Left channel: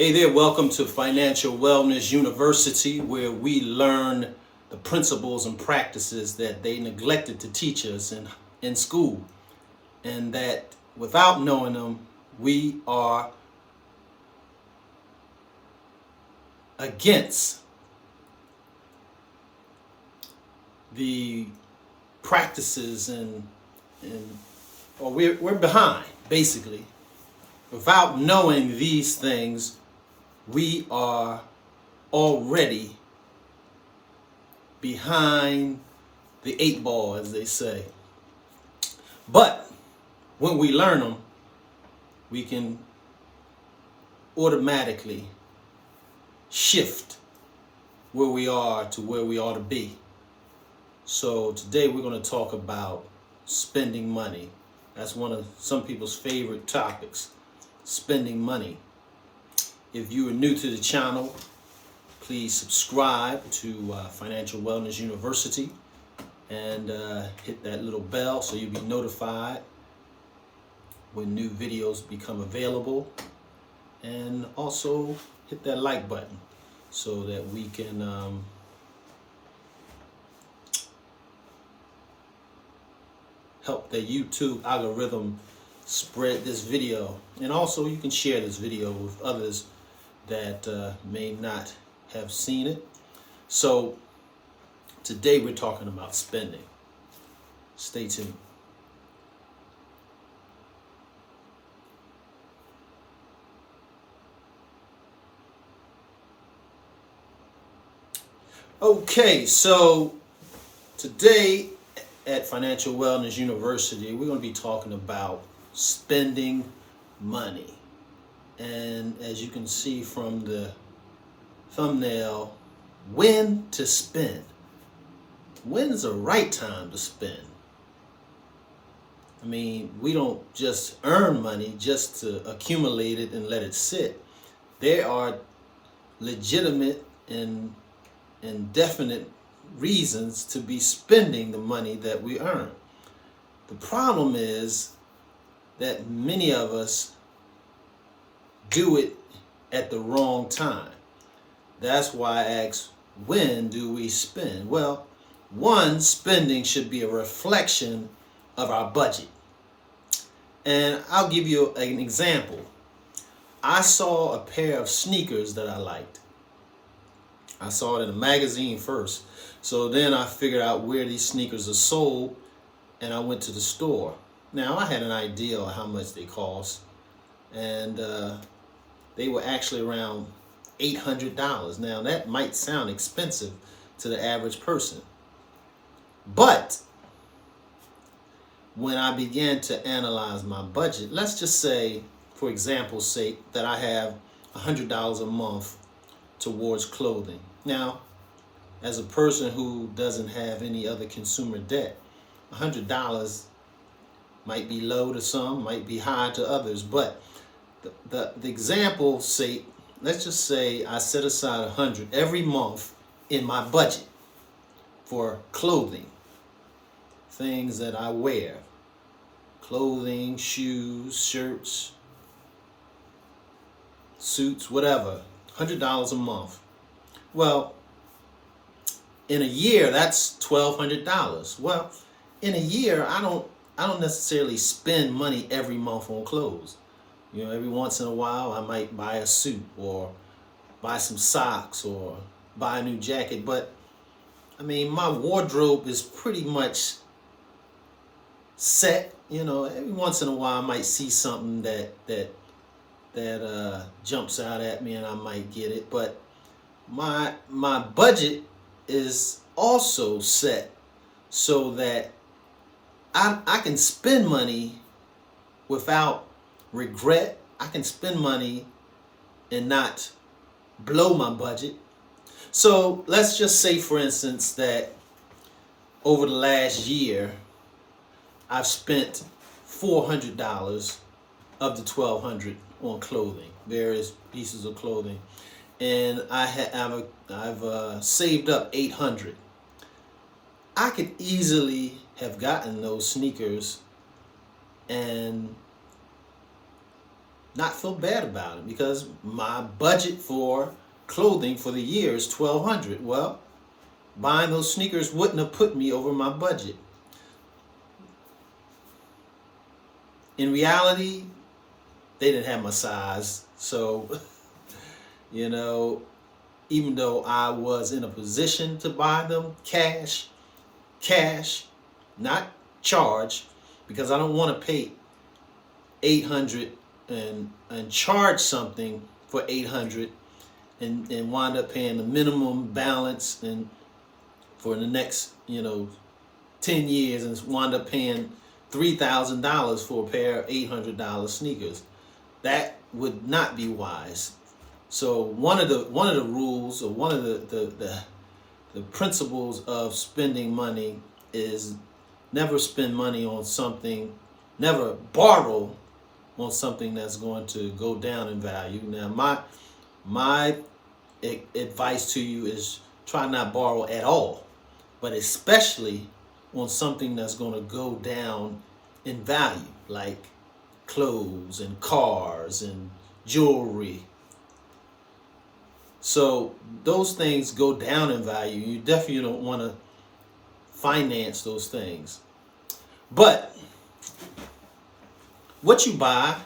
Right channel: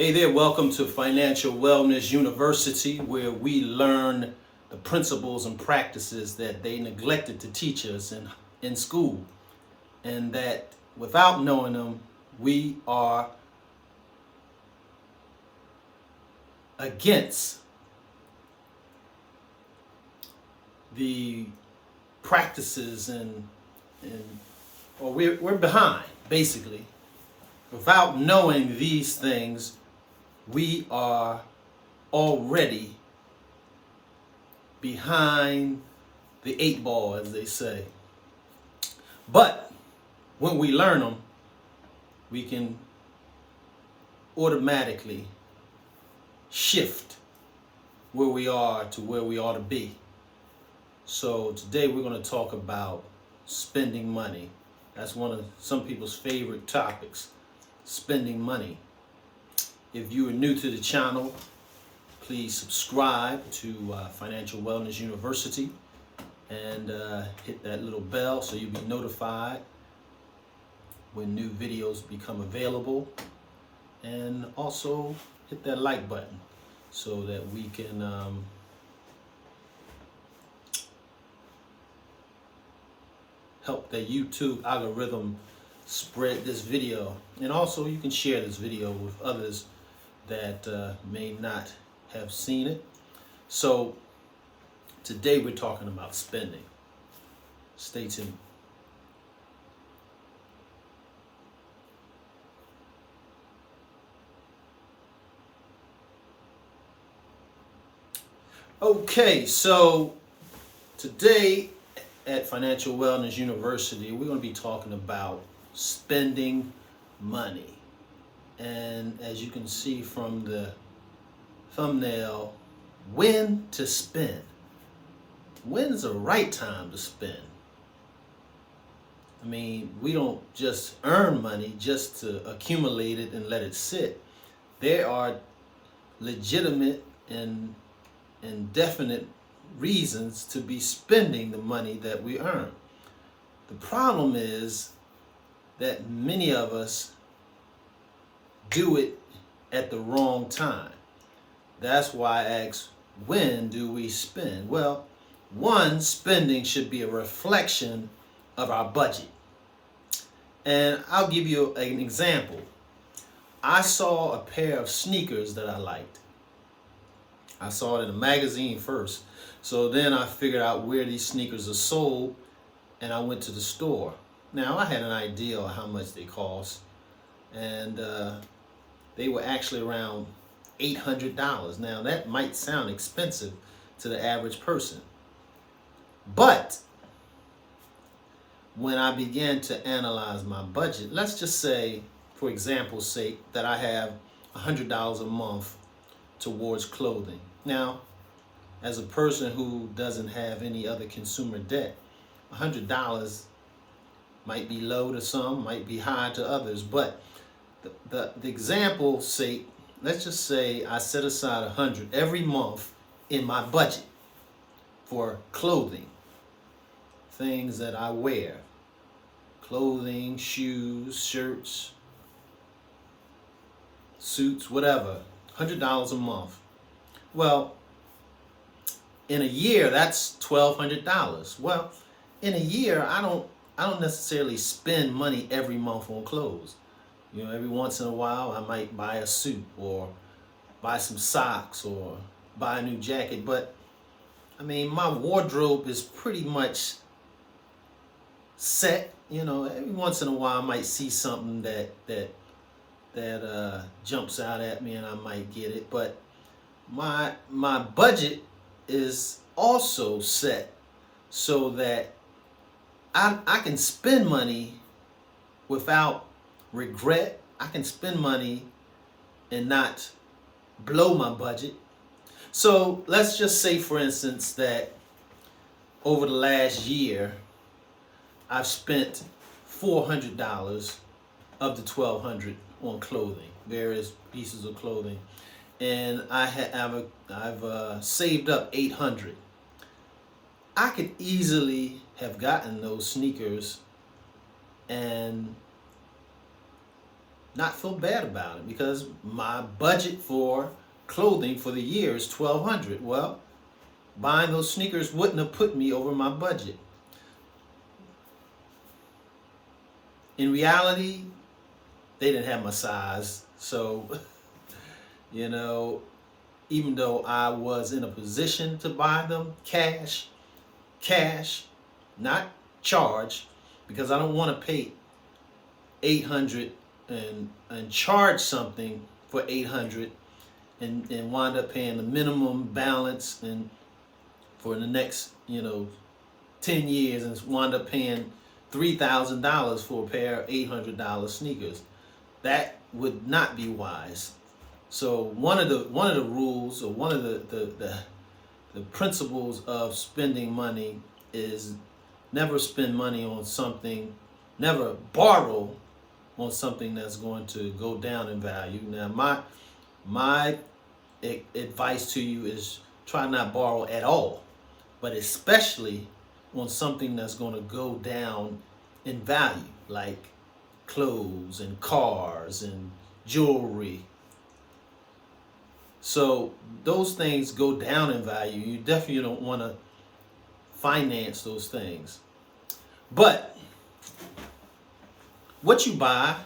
Hey there, welcome to Financial Wellness University, where we learn the principles and practices that they neglected to teach us in school. And that without knowing them, we are against the practices or we're behind, basically. Without knowing these things, we are already behind the eight ball, as they say. But when we learn them, we can automatically shift where we are to where we ought to be. So today we're going to talk about spending money. That's one of some people's favorite topics, spending money. If you are new to the channel, please subscribe to Financial Wellness University and hit that little bell so you'll be notified when new videos become available. And also hit that like button so that we can help the YouTube algorithm spread this video. And also you can share this video with others that may not have seen it. So today we're talking about spending. Stay tuned. Okay, so today at Financial Wellness University, we're going to be talking about spending money. And as you can see from the thumbnail, when to spend. When's the right time to spend? I mean, we don't just earn money just to accumulate it and let it sit. There are legitimate and definite reasons to be spending the money that we earn. The problem is that many of us do it at the wrong time. That's why I asked, when do we spend? Well, one, spending should be a reflection of our budget. And I'll give you an example. I saw a pair of sneakers that I liked. I saw it in a magazine first. So then I figured out where these sneakers are sold, and I went to the store. Now, I had an idea of how much they cost, and they were actually around $800. Now, that might sound expensive to the average person. But when I began to analyze my budget, let's just say, for example's sake, that I have $100 a month towards clothing. Now, as a person who doesn't have any other consumer debt, $100 might be low to some, might be high to others, but the example sake, let's just say I set aside $100 every month in my budget for clothing, things that I wear, clothing, shoes, shirts, suits, whatever, $100 a month. Well, in a year, that's $1,200. Well, in a year, I don't necessarily spend money every month on clothes. You know, every once in a while, I might buy a suit or buy some socks or buy a new jacket. But, I mean, my wardrobe is pretty much set. You know, every once in a while, I might see something that jumps out at me and I might get it. But my budget is also set so that I can spend money without regret. I can spend money and not blow my budget. So let's just say, for instance, that over the last year, I've spent $400 of the $1,200 on clothing, various pieces of clothing, and I've saved up $800. I could easily have gotten those sneakers and not feel bad about it, because my budget for clothing for the year is $1,200. Well, buying those sneakers wouldn't have put me over my budget. In reality, they didn't have my size. So, you know, even though I was in a position to buy them cash, not charge, because I don't want to pay 800 and charge something for 800 and wind up paying the minimum balance and for the next 10 years, and wind up paying $3,000 for a pair of $800 sneakers. That would not be wise. So one of the rules, or one of the principles of spending money is never spend money on something, never borrow on something that's going to go down in value. Now, my advice to you is try not borrow at all, but especially on something that's going to go down in value, like clothes and cars and jewelry. So those things go down in value. You definitely don't want to finance those things. But what you buy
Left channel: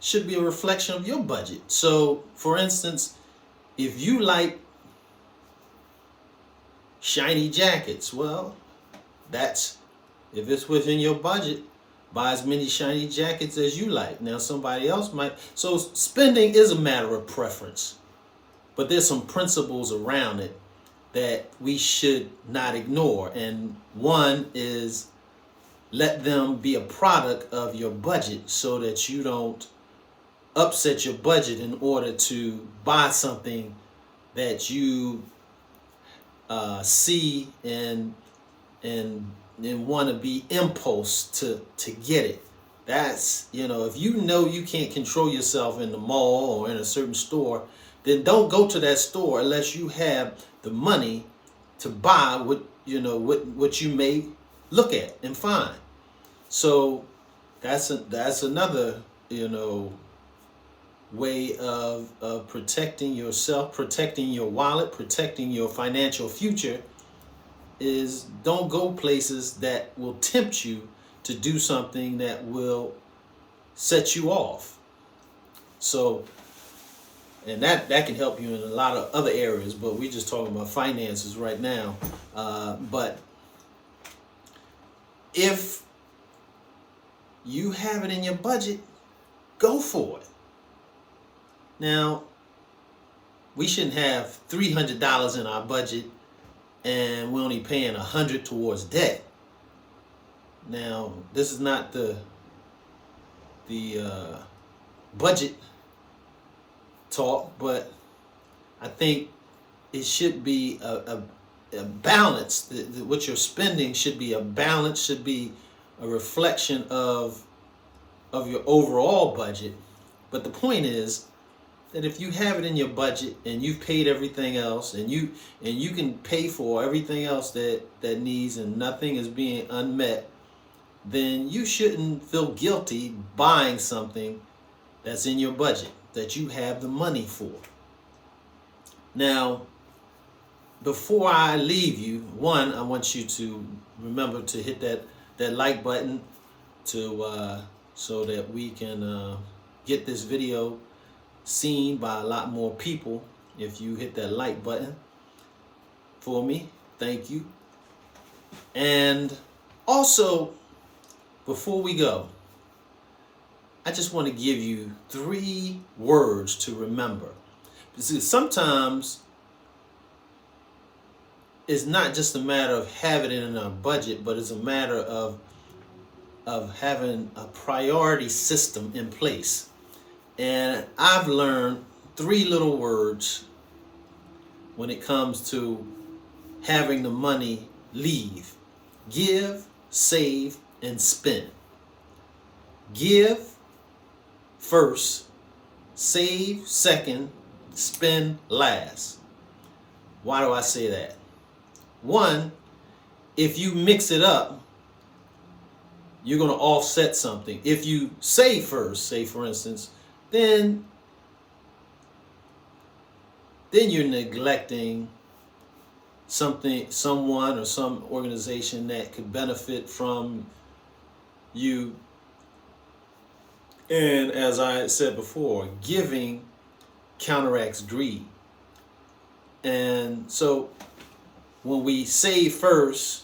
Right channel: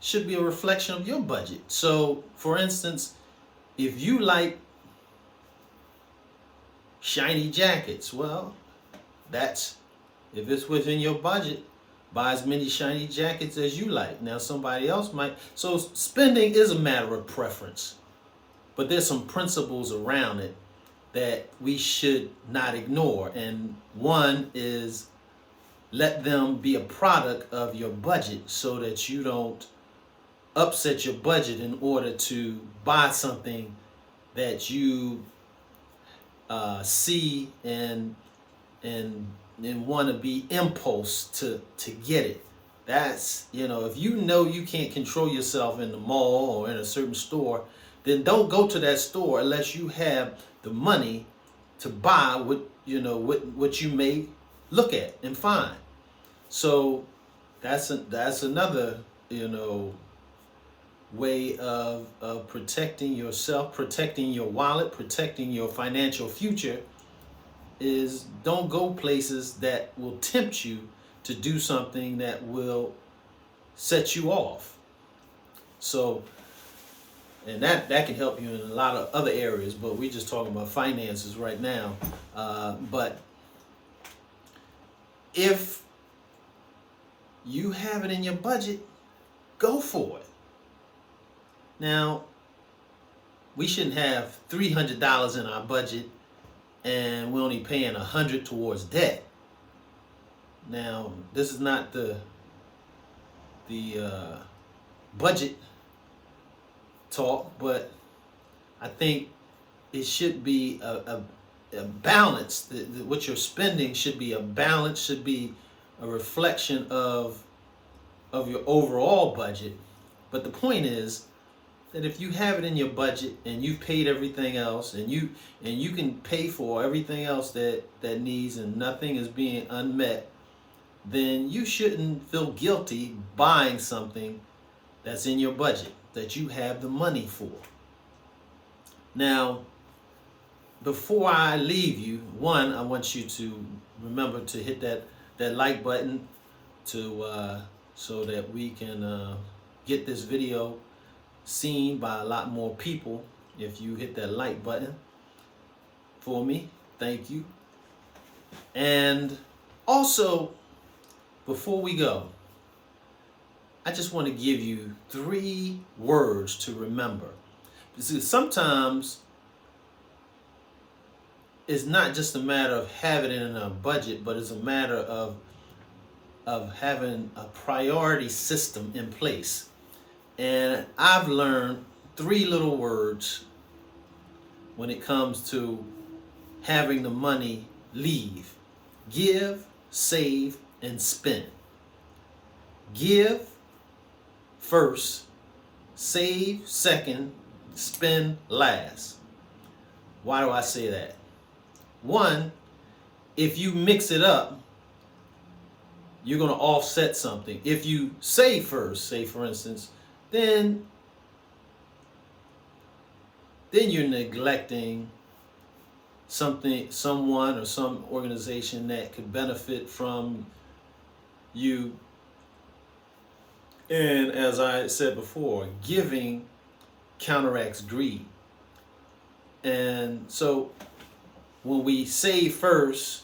should be a reflection of your budget. So, for instance, if you like shiny jackets, well, if it's within your budget, buy as many shiny jackets as you like. Now, somebody else might. So spending is a matter of preference, but there's some principles around it that we should not ignore. And one is, let them be a product of your budget so that you don't upset your budget in order to buy something that you see and want to be impulse to get it. That's, if you can't control yourself in the mall or in a certain store, then don't go to that store unless you have the money to buy what you may look at and find. So that's another way of protecting yourself, protecting your wallet, protecting your financial future, is don't go places that will tempt you to do something that will set you off. So, and that can help you in a lot of other areas, but we're just talking about finances right now. But if you have it in your budget, go for it. Now, we shouldn't have $300 in our budget and we're only paying $100 towards debt. Now, this is not the budget talk, but I think it should be a balance. What you're spending should be a balance, should be a reflection of your overall budget. But the point is that if you have it in your budget and you've paid everything else, and you can pay for everything else that needs, and nothing is being unmet, then you shouldn't feel guilty buying something that's in your budget that you have the money for. Now, before I leave you, one, I want you to remember to hit that like button to so that we can get this video seen by a lot more people. If you hit that like button for me, thank you. And also, before we go, I just want to give you 3 words to remember. Because sometimes it's not just a matter of having it in a budget, but it's a matter of having a priority system in place. And I've learned 3 little words when it comes to having the money leave: give, save, and spend. Give first, save second, spend last. Why do I say that? One, if you mix it up, you're going to offset something. If you save first, say for instance, then you're neglecting something, someone or some organization that could benefit from you. And as I said before, giving counteracts greed. And so when we save first,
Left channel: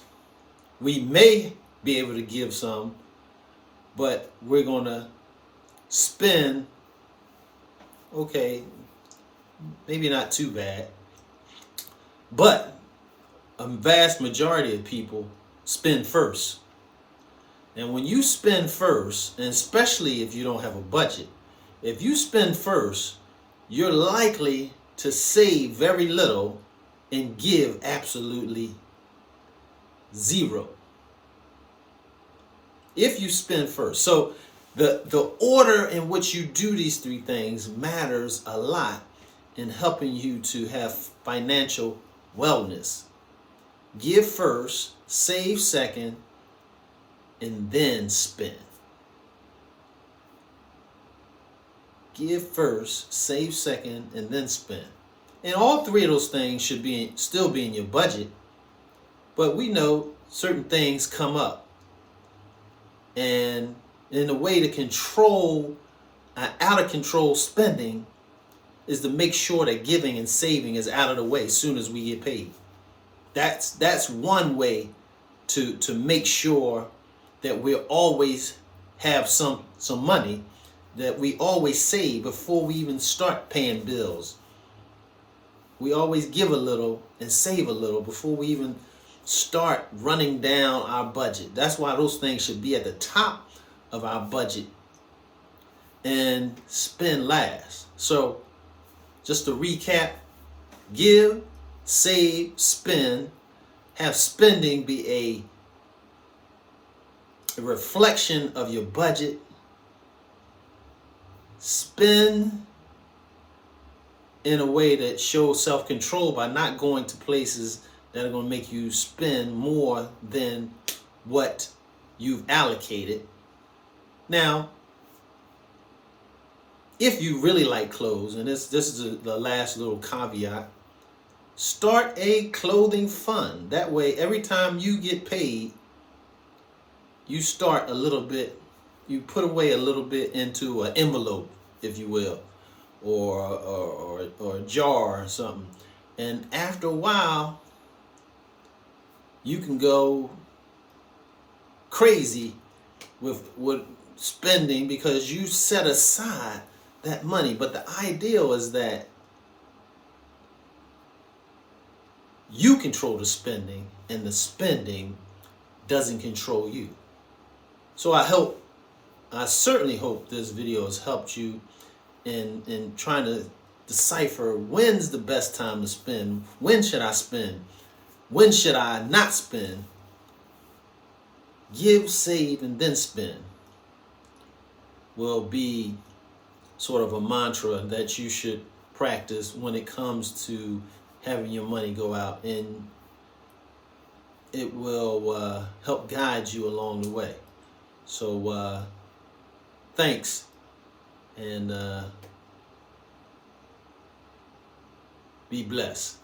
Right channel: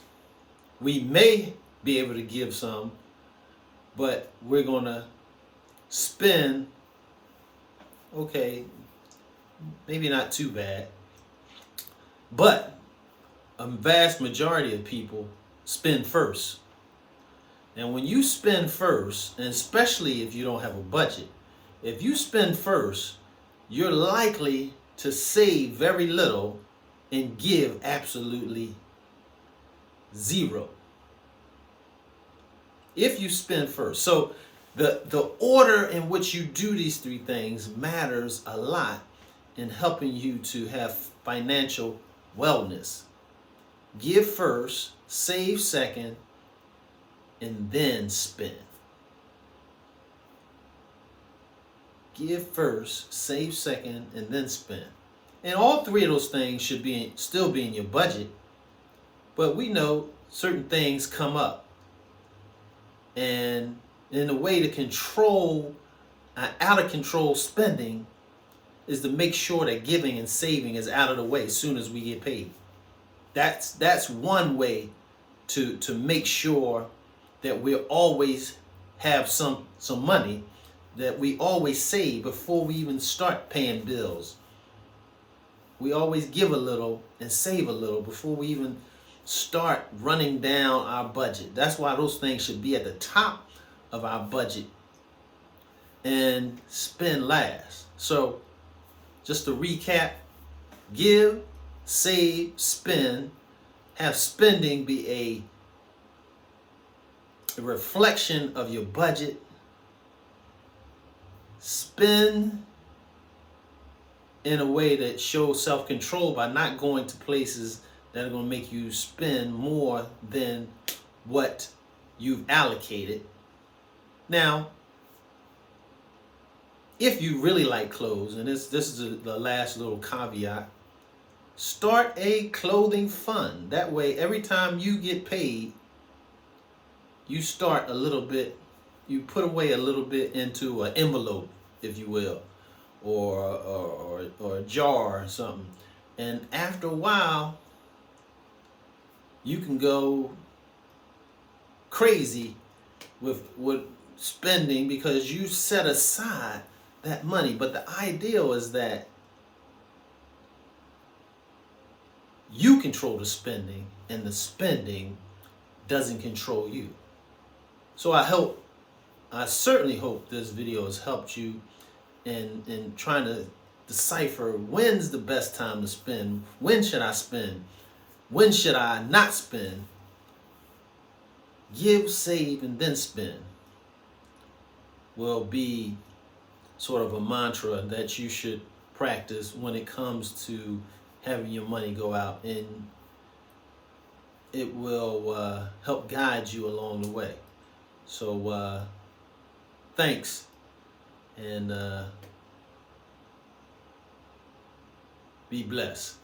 we may be able to give some, but we're going to spend, okay, maybe not too bad, but a vast majority of people spend first. And when you spend first, and especially if you don't have a budget, if you spend first, you're likely to save very little and give absolutely zero. If you spend first. So the order in which you do these three things matters a lot in helping you to have financial wellness. Give first, save second, and then spend. Give first, save second, and then spend. And all three of those things should still be in your budget. But we know certain things come up. And in a way to control out of control spending is to make sure that giving and saving is out of the way as soon as we get paid. That's one way to make sure that we always have some money, that we always save before we even start paying bills. We always give a little and save a little before we even start running down our budget. That's why those things should be at the top of our budget and spend last. So just to recap, give, save, spend. Have spending be a reflection of your budget. Spend in a way that shows self-control by not going to places that are going to make you spend more than what you've allocated. Now, if you really like clothes, and this is the last little caveat, start a clothing fund. That way, every time you get paid, you start a little bit, you put away a little bit into an envelope, if you will, or a jar or something. And after a while, you can go crazy with spending because you set aside that money. But the ideal is that you control the spending and the spending doesn't control you. So I certainly hope this video has helped you in trying to decipher when's the best time to spend, when should I spend, when should I not spend. Give, save, and then spend will be sort of a mantra that you should practice when it comes to having your money go out, and it will help guide you along the way. So thanks, and be blessed.